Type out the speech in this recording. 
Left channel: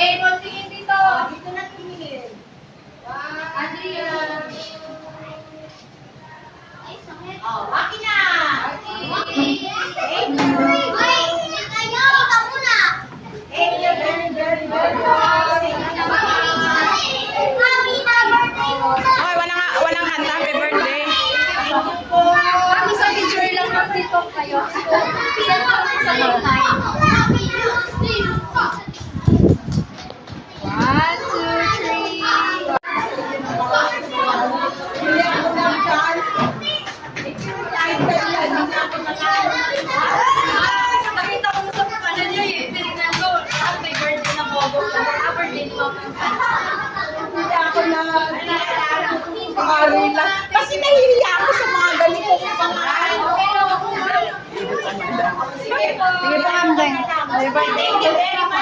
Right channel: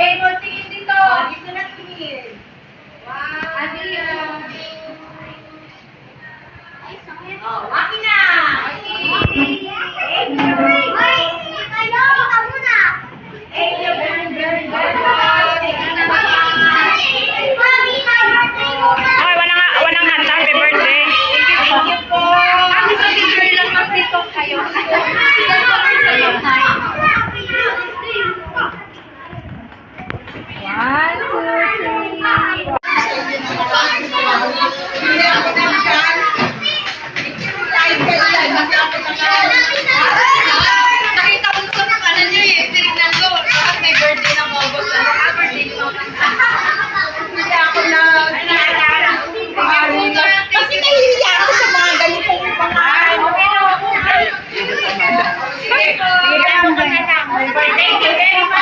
Okay, tingin dito. Dito na tingin. Adria. Oh, waki na. Okay, walang hanta. Happy birthday. Kami sa picture lang mag-tiktok kayo. Sa lunay. 1, 2, 3. Nakita ko sa kanan niyo eh. Tinignan ko. May birthday ng August. Birthday ni Mama. Hindi ako na. Kasi nahihiya ako sa mga ganitong mga ano. Sige, happy birthday.